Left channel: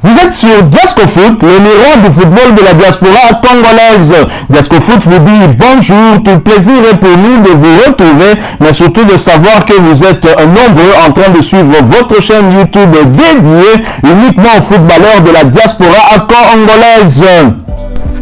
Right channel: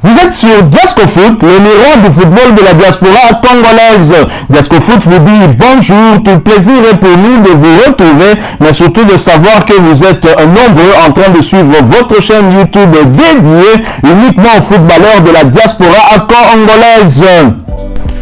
Vous êtes sur Diasco Foot, le miroir du football de la diaspora congolaise. Diasco Foot vous dit bonjour, tout plaisir est pour nous de vous retrouver, mais surtout de savoir que vous êtes nombreux en train de suivre votre chaîne YouTube dédiée uniquement aux footballeurs de la diaspora congolaise.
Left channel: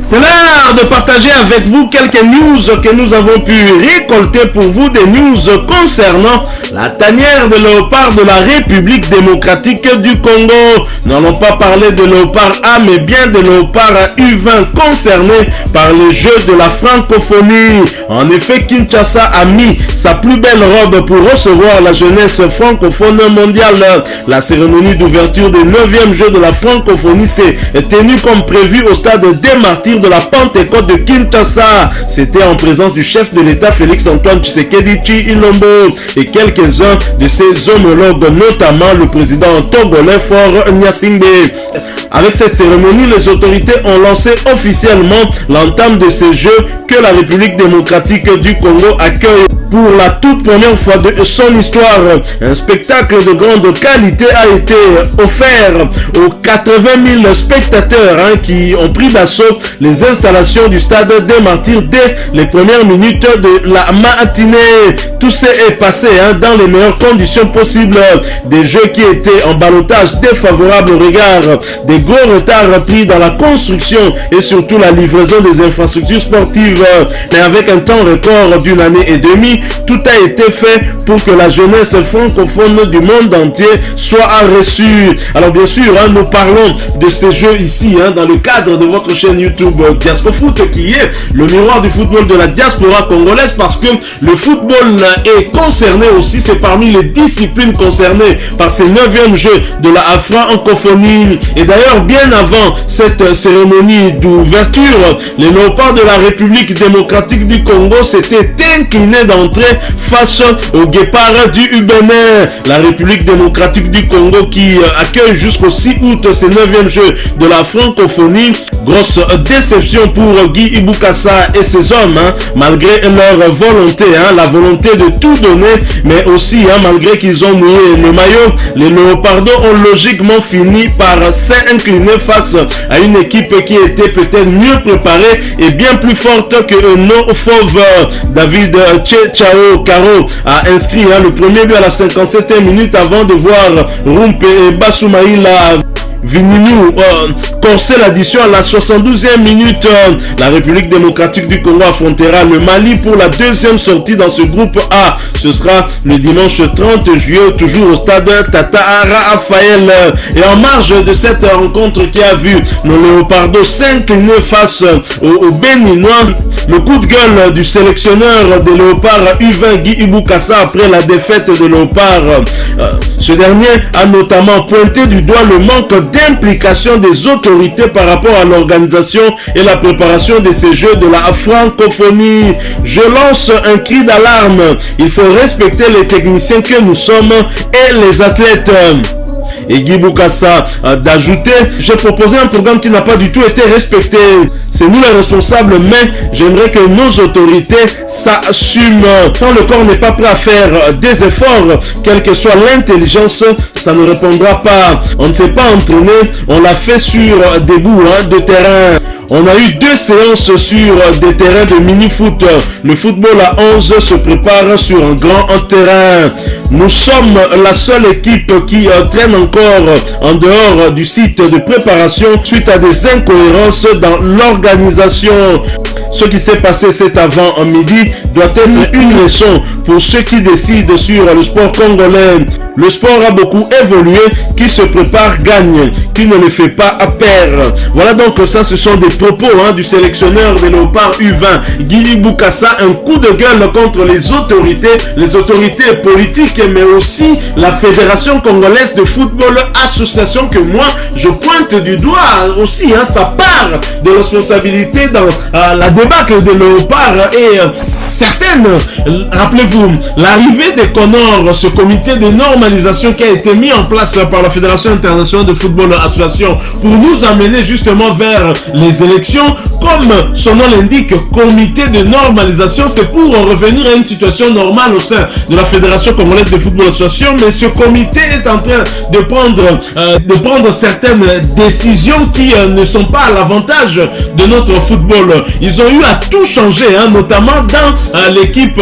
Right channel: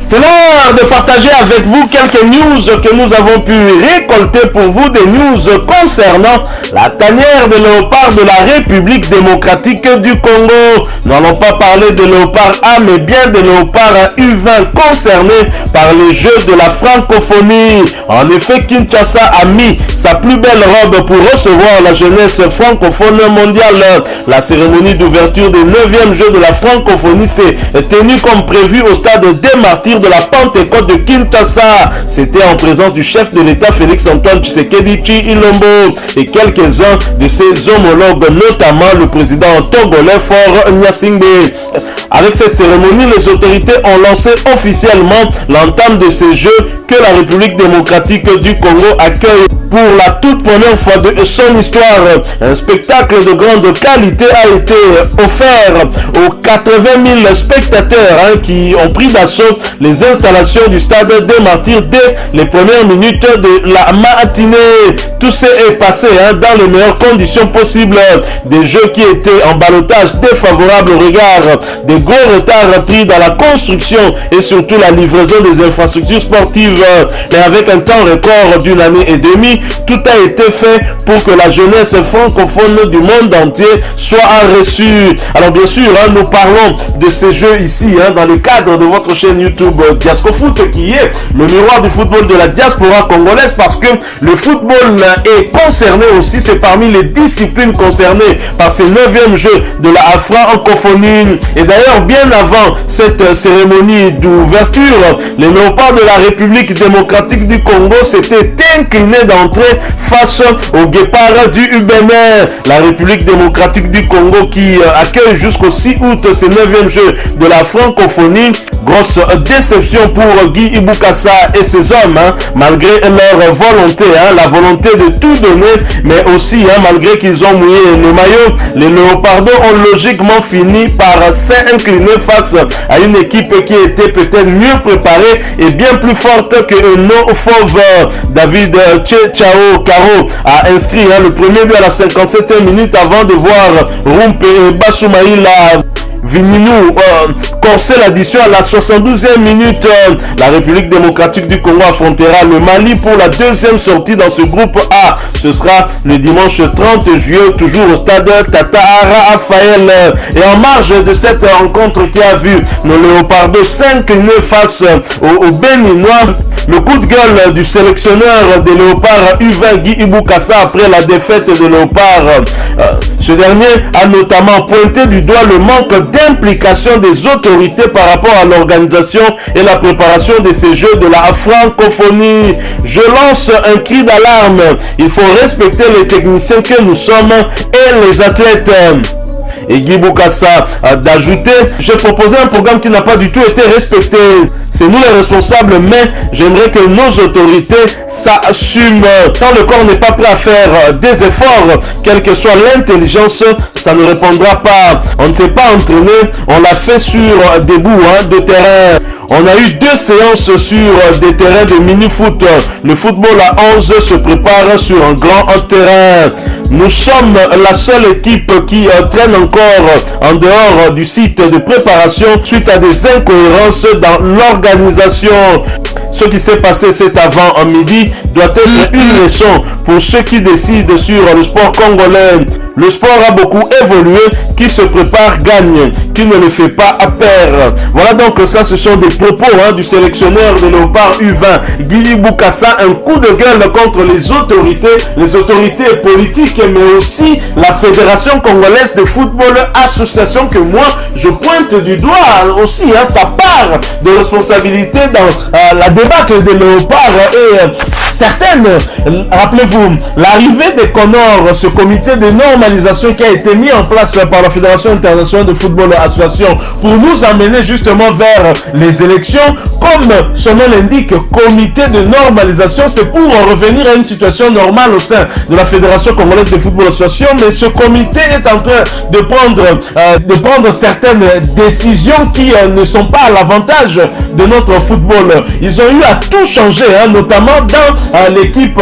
C'est l'heure de partager avec vous quelques news que nous avons pu récolter pour vous, des news concernant la tanière de léopard de la République démocratique du Congo. Nous n'allons pas parler de léopard A, mais bien de léopard U20 concernés par les Jeux de la francophonie. En effet, Kinshasa a mis sa plus belle robe pour recevoir la jeunesse francophone mondiale. La cérémonie d'ouverture des 9e Jeux de la francophonie s'est tenue comme prévu au stade des Martyrs de la Pentecôte de Kinshasa. C'était en présence du chef de l'État Félix-Antoine Tshisekedi Tshilombo et quelques-uns de ses homologues, notamment le président togolais Faure Gnassingbé. Avec cette cérémonie, les autorités ont lancé officiellement l'entame de ces Jeux que la République démocratique du Congo accueille pour la toute première fois de son histoire. Un spectacle de grande qualité a été offert aux 80 000 spectateurs qui ont pris d'assaut les installations du stade des Martyrs dès les premières minutes de la matinée. Tout s'est passé dans les meilleures conditions possibles. Des jeux qui étaient en ballottage défavorable au regard des gros retards pris dans la construction et surtout la livraison des infrastructures sportives. Mais avec un temps record d'une année et demie, tout a été fait pour que la jeunesse francophone du monde entier soit reçue. Alors bien sûr, nous parlons de ces jeux ici dans le cadre de votre chaîne YouTube Diasco Foot, qui est le miroir du football de la diaspora congolaise, parce que le football est concerné aussi, c'est parmi les disciplines concernées par ces 9e Jeux de la francophonie. Et d'ailleurs, bien avant cette cérémonie d'ouverture, les léopards de la République démocratique du Congo s'étaient inclinés d'entrée face aux guépards du Bénin. La République démocratique du Congo qui accueille jusqu'au 6 août ces 9e Jeux de la francophonie. Grosse déception pour Guy Ibukasa et ses hommes, malgré leur volonté, la volonté de tout donner, mais aussi malgré qu'ils ont mouillé le maillot, les léopards ont logiquement fini par s'incliner face à une équipe qui était peut-être mieux préparée et bien plus forte que nos fauves. David Chao Karo a inscrit le premier but à la 57e minute avant de voir Rumpe et Basoumaïla Vininou corser l'addition à la 72e minute. La République démocratique du Congo affrontera le Mali pour la deuxième sortie dans ce groupe A. Ce sera le dimanche 30 juillet, toujours au stade Tata Raphaël. Et en marge de cette rencontre qui a vu nos léopardos s'incliner face aux Béninois, le coup de gueule du sélectionneur des léopards U20 Guy Ibukasa après la défaite des léopards. Ce dernier a notamment pointé du doigt le manque d'implication des autorités par rapport à l'organisation et la préparation de ces Jeux de la francophonie. Je lance un cri d'alarme. Il faut respecter les techniciens que nous sommes et les athlètes. Et Guy Ibukasa a d'ajouter: j'ai proposé un programme qui n'a pas du tout été respecté. C'est nous les responsables, mais j'aimerais que nos autorités s'assument. Quand le corps n'est pas prêt à faire des efforts, quelle que soit l'intelligence, ça ne répondra pas. On ne s'est pas entraîné, on l'a fait sur des bouts de terrain. On a eu 2 séances sur des terrains de mini-foot. Le football à 11 se prépare sur un grand terrain. Nous sommes la seule équipe qui traîne encore en dehors du site de préparation suite à des incohérences dans l'organisation. Ce qui s'est passé cet avant-midi doit être une leçon pour ceux qui décident sur le sport congolais. Le sport a beaucoup évolué, qui se prépare gagne, qui ne le fait pas perdre. Voilà donc ça, ce sont des propos du sélectionneur des léopards U20, Guy Ibukasa, un coup de gueule contre les autorités politiques, mais aussi la Fédération congolaise de football, association que moi je pointe du doigt aussi, sa part de responsabilité dans la défaite débâcle des Léopards et certaines, rappelez-vous, l'arrivée des Connors, ce comité de normalisation qui a été mis en place par la Fédération internationale de football association pour nous amener justement vers les élections, comme son nom l'indique, comité de normalisation, c'est pour revenir à une situation normale au sein de la Fédération congolaise de football association, mais ce comité est en train de prendre certaines décisions qui ne sont pas à l'avantage de notre football. Ils ont eu à tout changer, notamment dans l'équipe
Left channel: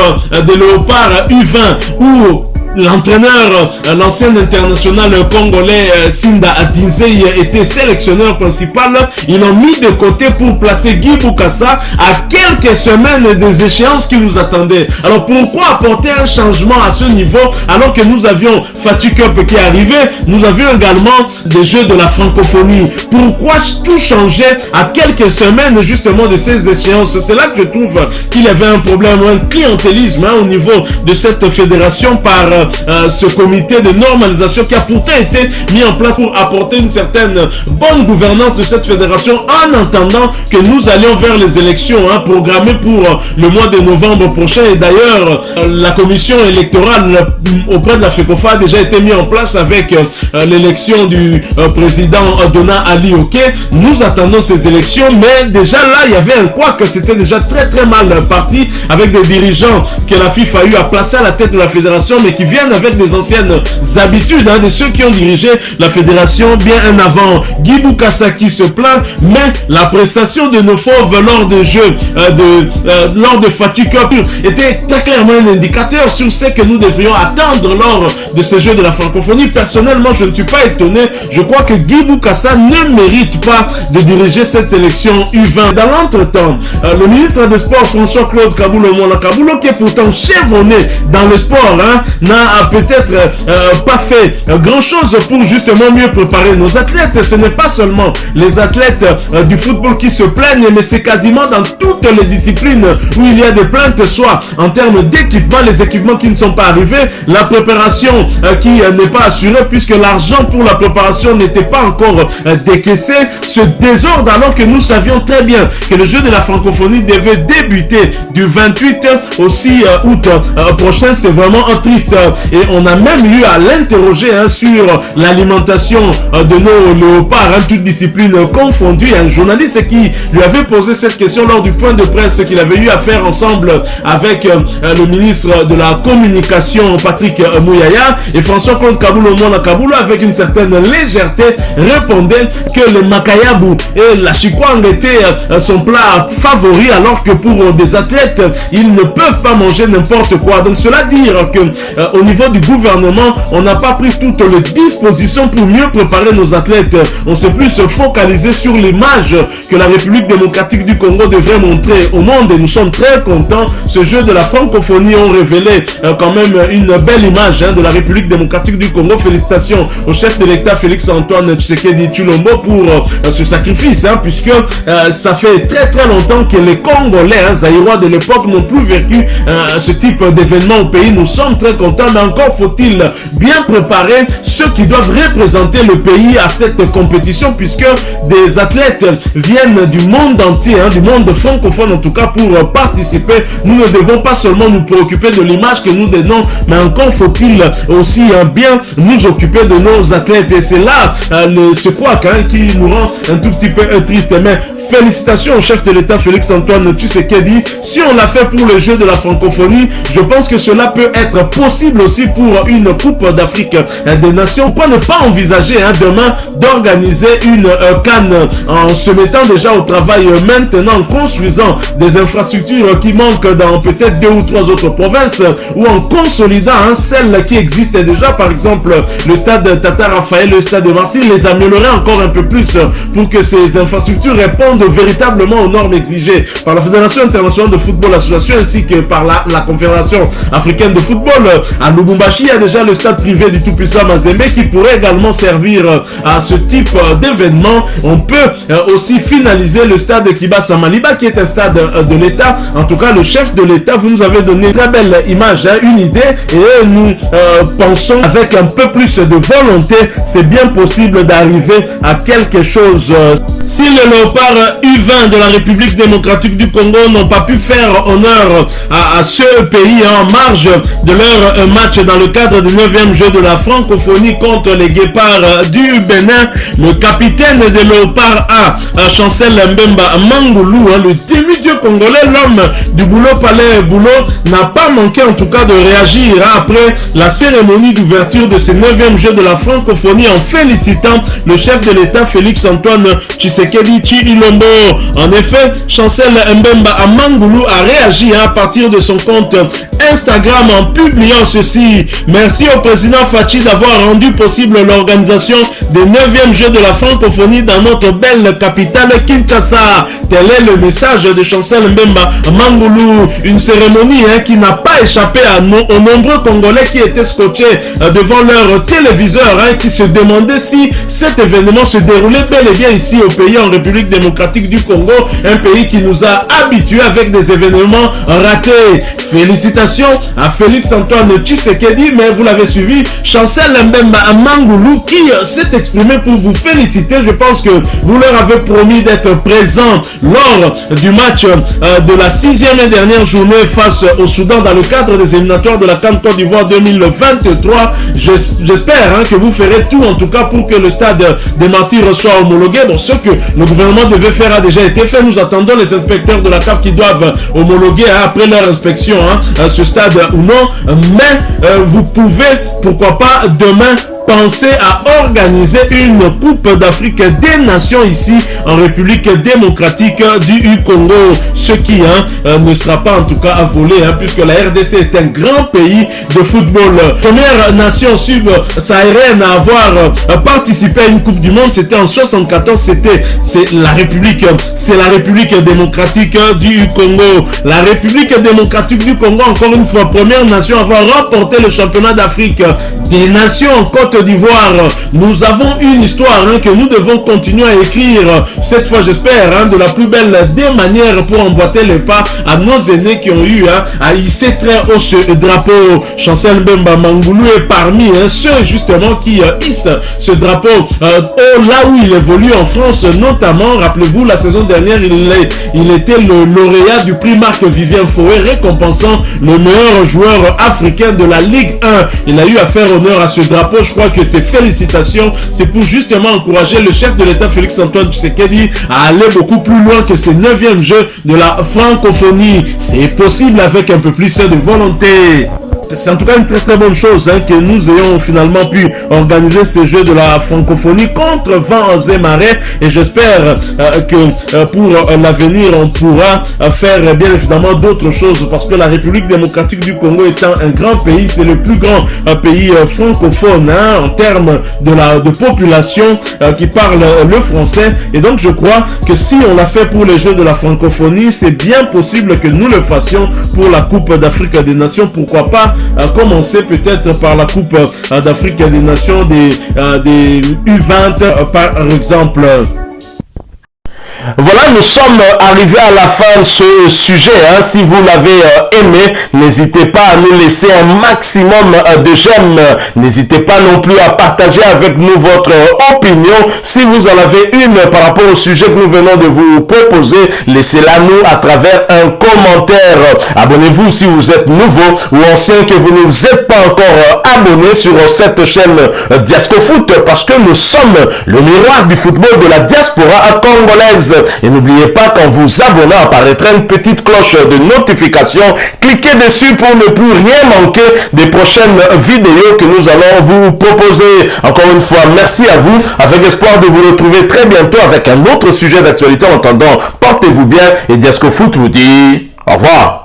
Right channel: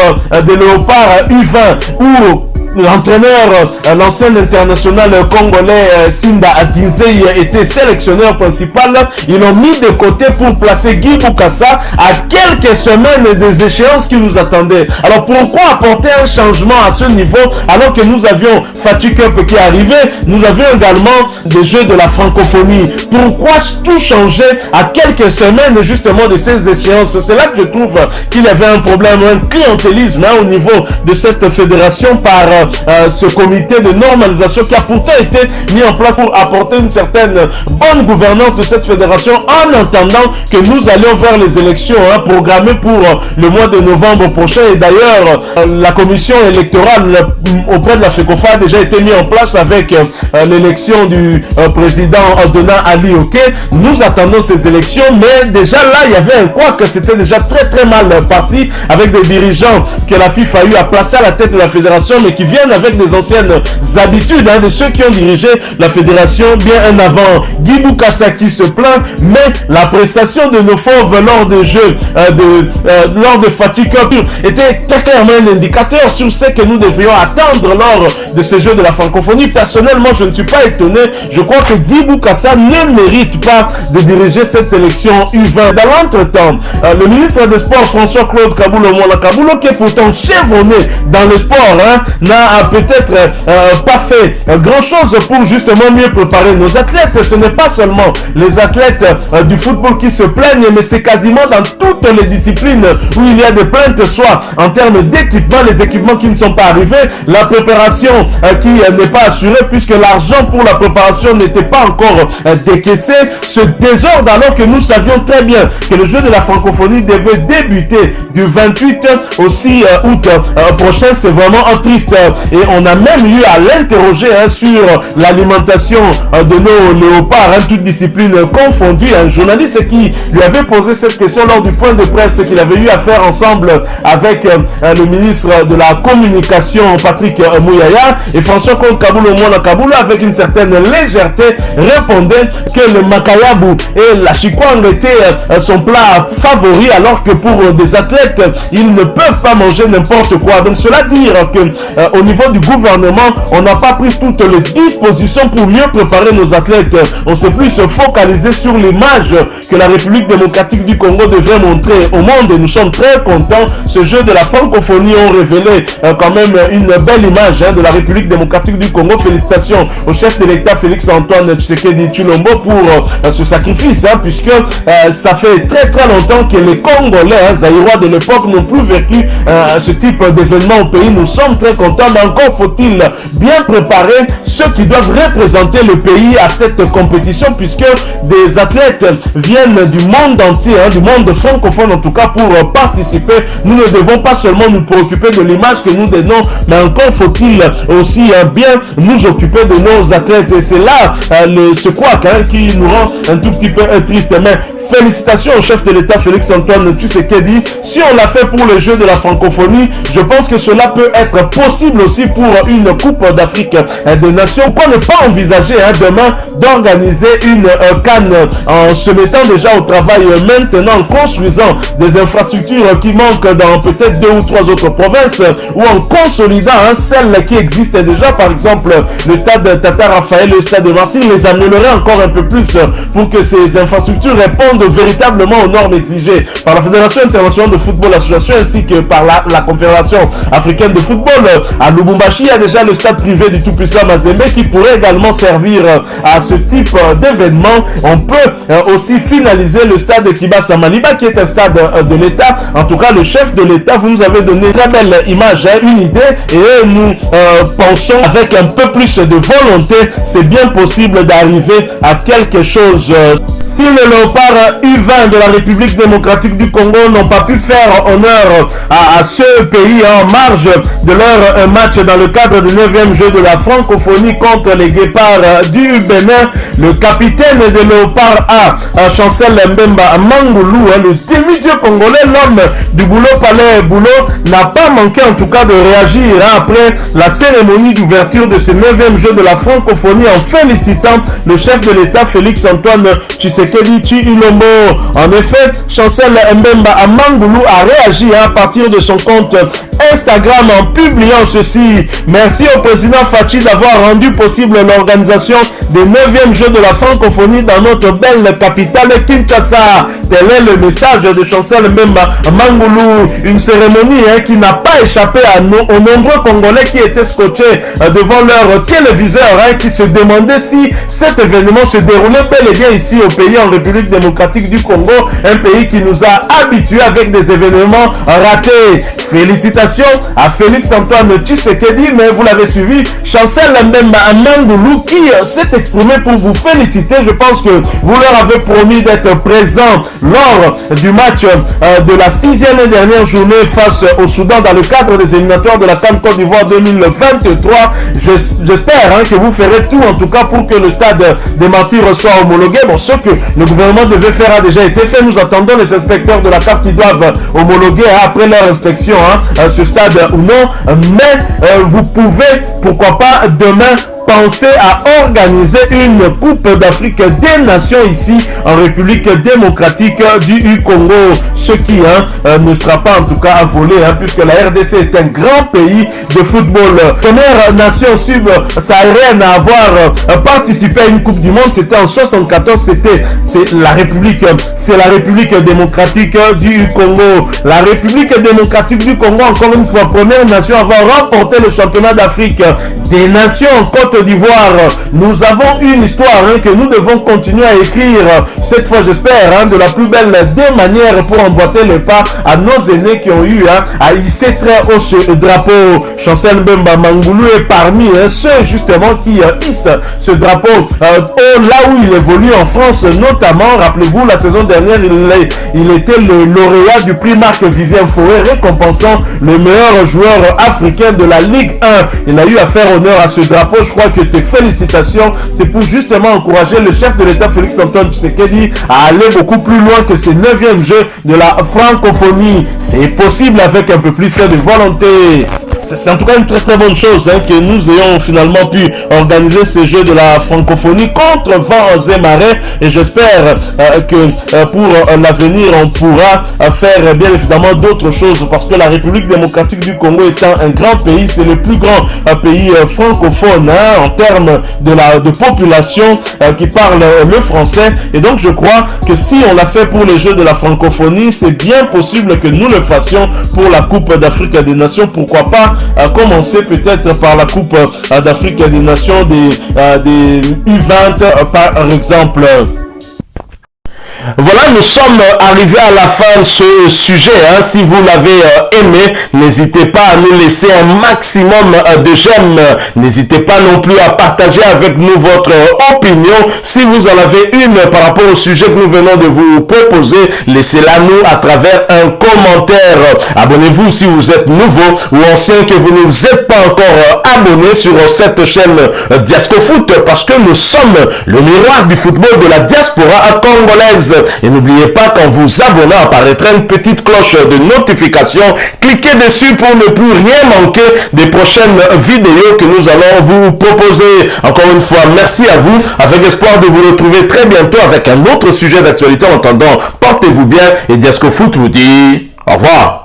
des Léopards U20 où l'entraîneur, l'ancien international congolais Sinda Adinzei était sélectionneur principal. Ils l'ont mis de côté pour placer Guy Bukassa à quelques semaines des échéances qui nous attendaient. Alors pourquoi apporter un changement à ce niveau alors que nous avions Fatih Cup qui arrivait, nous avions également des Jeux de la francophonie. Pourquoi tout changer à quelques semaines justement de ces échéances? C'est là que je trouve qu'il y avait un problème, un clientélisme au niveau de cette fédération par ce comité de normalisation qui a pourtant été mis en place pour apporter une certaine bonne gouvernance de cette fédération en attendant que nous allions vers les élections programmées pour le mois de novembre prochain. Et d'ailleurs, la commission électorale auprès de la FECOFA a déjà été mise en place avec l'élection du président Dona Ali Oké. Nous attendons ces élections, mais déjà là, il y avait un quoi que c'était déjà très mal parti avec des dirigeants que la FIFA a eu à placer à la tête de la fédération, mais qui viennent avec des anciennes habitudes de ceux qui ont dirigé la fédération bien en avant. Guy Bukassa qui se plaint, mais la prestation de nos fauves lors de jeux, lors de Fatih Cup était très clairement un indicateur sur ce que nous devrions attendre lors de ces jeux de la francophonie. Personnellement, je ne suis pas étonné. Je crois que Guy Bukassa ne mérite pas de diriger cette sélection U20. Dans l'entretemps, le ministre des Sports, François-Claude Kaboulo, qui est pourtant chevronné dans le sport, n'a peut-être pas fait grand-chose pour justement mieux préparer nos athlètes. Ce n'est pas seulement les athlètes du football qui se plaignent, mais c'est quasiment dans toutes les disciplines où il y a des plaintes, soit en termes d'équipement, les équipements qui ne sont pas arrivés, la préparation qui n'est pas assurée puisque l'argent pour la préparation n'était pas encore décaissé, ce désordre alors que nous savions très bien que le jeu de la francophonie devait débuter du 28 au 6 août prochain. C'est vraiment un triste et on a même eu à l'interroger sur l'alimentation de nos léopards, toutes disciplines confondues. Un journaliste qui lui avait posé cette question lors du point de presse qu'il avait eu à faire ensemble avec le ministre de la communication Patrick Mouyaya, et François-Claude Kaboulo avec une certaine légèreté répondait que le makayabu et la chikwang étaient son plat favori, alors que pour des athlètes ils ne peuvent pas manger n'importe quoi. Donc cela dire que au niveau du gouvernement, on n'a pas pris toutes les dispositions pour mieux préparer nos athlètes. On s'est plus focalisé sur l'image que la République démocratique du Congo devrait montrer au monde, et nous sommes très contents. Ce jeu de la francophonie ont révélé quand même une belle image de la République démocratique du Congo. Félicitations au chef de l'État Félix-Antoine Tshisekedi Tshilombo pour ce sacrifice, puisque ça fait très longtemps que les Congolais zaïrois de l'époque n'ont plus vécu ce type d'événement au pays. Nous sommes très contents, mais encore faut-il bien préparer ceux qui doivent représenter le pays à cette compétition, puisque des athlètes viennent du monde entier, du monde francophone en tout cas, pour participer. Nous ne devons pas seulement nous préoccuper de l'image que nous donnons, mais encore faut-il aussi bien nous occuper de nos athlètes, et c'est là ce couac qui nous rend un tout petit peu triste. Mais félicitations au chef de l'État Félix-Antoine Tshisekedi. Si on l'a fait pour le jeu de la francophonie, je pense que cela peut être possible aussi pour une Coupe d'Afrique des Nations. Pourquoi ne pas envisager demain d'organiser une CAN en se mettant déjà au travail maintenant, en construisant des infrastructures qui manquent dans peut-être 2 ou 3 autres provinces, ou en consolidant celles qui existent déjà, par exemple le stade Tata Raphaël, le stade de Marseille, les améliorer encore un peu plus pour que ces infrastructures répondent véritablement aux normes exigées par la Fédération internationale de football association ainsi que par la Confédération africaine de football. À Lubumbashi, il y a déjà le stade privé du tout-puissant Mazembe qui pourrait également servir à ce type d'événement. On peut aussi finaliser le stade Kibasa Maliba qui est un stade de l'État. En tout cas, le chef de l'État, vous nous avez donné une très belle image, une idée, et nous pensons avec un peu plus de volonté, c'est bien possible d'arriver à quelque chose. si les léopards U20 de la République démocratique du Congo n'ont pas pu faire honneur à ce pays en marge de leur match dans le cadre du 9e jeu de la francophonie contre les guépards du Bénin, le capitaine des léopards A, Chancel Mbemba Mangoulou, le demi-dieu congolais, l'homme du boulot palais boulot, n'a pas manqué en tout cas de réagir après la cérémonie d'ouverture de ce 9e jeu de la francophonie en félicitant le chef de l'État Félix Antoine Tshisekedi Tshilombo. En effet, Chancel Mbemba Mangoulou a réagi à partir de son compte Instagram en publiant ceci. Merci au président Fachi d'avoir rendu possible l'organisation des 9e Jeux de la francophonie dans notre belle capitale Kinshasa. Tel est le message de Chancel Mbemba Mangoulou. Une cérémonie qui n'a pas échappé aux nombreux Congolais qui étaient scotchés devant leur téléviseur, qui se demandaient si cet événement se déroulait bel et bien ici au pays, en République démocratique du Congo, un pays qui nous a habitués avec des événements ratés. Félicitations à Félix Antoine Tshisekedi, mais vous l'avez suivi, Chancel Mbemba Mangoulou qui s'est exprimé pour vous féliciter. Je pense que vous leur avez promis d'être présents lors du match de la 6e et dernière journée face au Soudan dans le cadre des éliminatoires de la CAN Côte d'Ivoire 2023. J'espère que vous ferez tout en tout cas pour que le stade des Martyrs soit homologué. Bon, ce que le gouvernement devait faire a déjà été fait. Nous attendons les inspecteurs de la CAF qui doivent homologuer après leur inspection ce stade ou non. Mais vous pouvez, pourquoi pas, demain penser à organiser une Coupe d'Afrique des Nations ici en République démocratique du Congo, ce qui ne sera pas en tout cas à voler, puisque la RDC est un grand pays de football. Première nation sub-saharienne à avoir participé à une Coupe du Monde, c'était en 74, c'est la République démocratique du Congo. La République démocratique du Congo, encore une fois, première nation à avoir remporté le championnat d'Afrique des Nations en Côte d'Ivoire. Nous avons une histoire que nous devons continuer à écrire, cette fois j'espère de la plus belle des manières, pour emboîter le pas à nos aînés qui ont eu à hisser très haut ce drapeau. Chancel Mbemba Mangoulou est parmi ceux justement qui hissent ce drapeau là où il évolue en France notamment. Rappelez-vous, la saison dernière il était le lauréat du prix Marc-Vivien Foé, récompensant le meilleur joueur africain de la Ligue 1. Il a eu à faire honneur à ce drapeau. Je crois que ces félicitations, c'est pour justement encourager le chef de l'État Félix Antoine Tshisekedi à aller beaucoup plus loin que ces 9e Jeux de la francophonie. C'est possible avec un peu plus de volonté. C'est en tout cas une très très bonne chose que nous ayons finalement pu organiser ces Jeux de la francophonie contre vents et marées, et j'espère que pour l'avenir on pourra faire bien évidemment d'autres choses, parce que la République démocratique du Congo étant un grand pays, c'est le plus grand pays francophone en termes de population qui parle le français, et donc je crois que si on l'a fait pour les Jeux de la francophonie, c'est bien possible que nous le fassions pour la Coupe d'Afrique des Nations. Pourquoi pas commencer peut-être par la Coupe d'Afrique des Nations des U20 par exemple. Voilà, nous sommes arrivés à la fin de ce sujet. Si vous l'avez aimé, n'hésitez pas à nous laisser un maximum de j'aime. N'hésitez pas non plus à partager avec nous votre opinion. Si vous en avez une par rapport au sujet que nous venons de vous proposer, laissez-la nous à travers un commentaire. Abonnez-vous si vous êtes nouveau ou ancien, que vous ne vous êtes pas encore abonné sur cette chaîne Diascofoot, parce que nous sommes le miroir du football de la diaspora congolaise. Et n'oubliez pas, qu'en vous abonnant, apparaîtra une petite cloche de notification. Cliquez dessus pour ne plus rien manquer des prochaines vidéos que nous allons vous proposer. Encore une fois, merci à vous, avec espoir de vous retrouver très bientôt avec un autre sujet d'actualité. En attendant, portez-vous bien, et Diascofoot vous dit au revoir.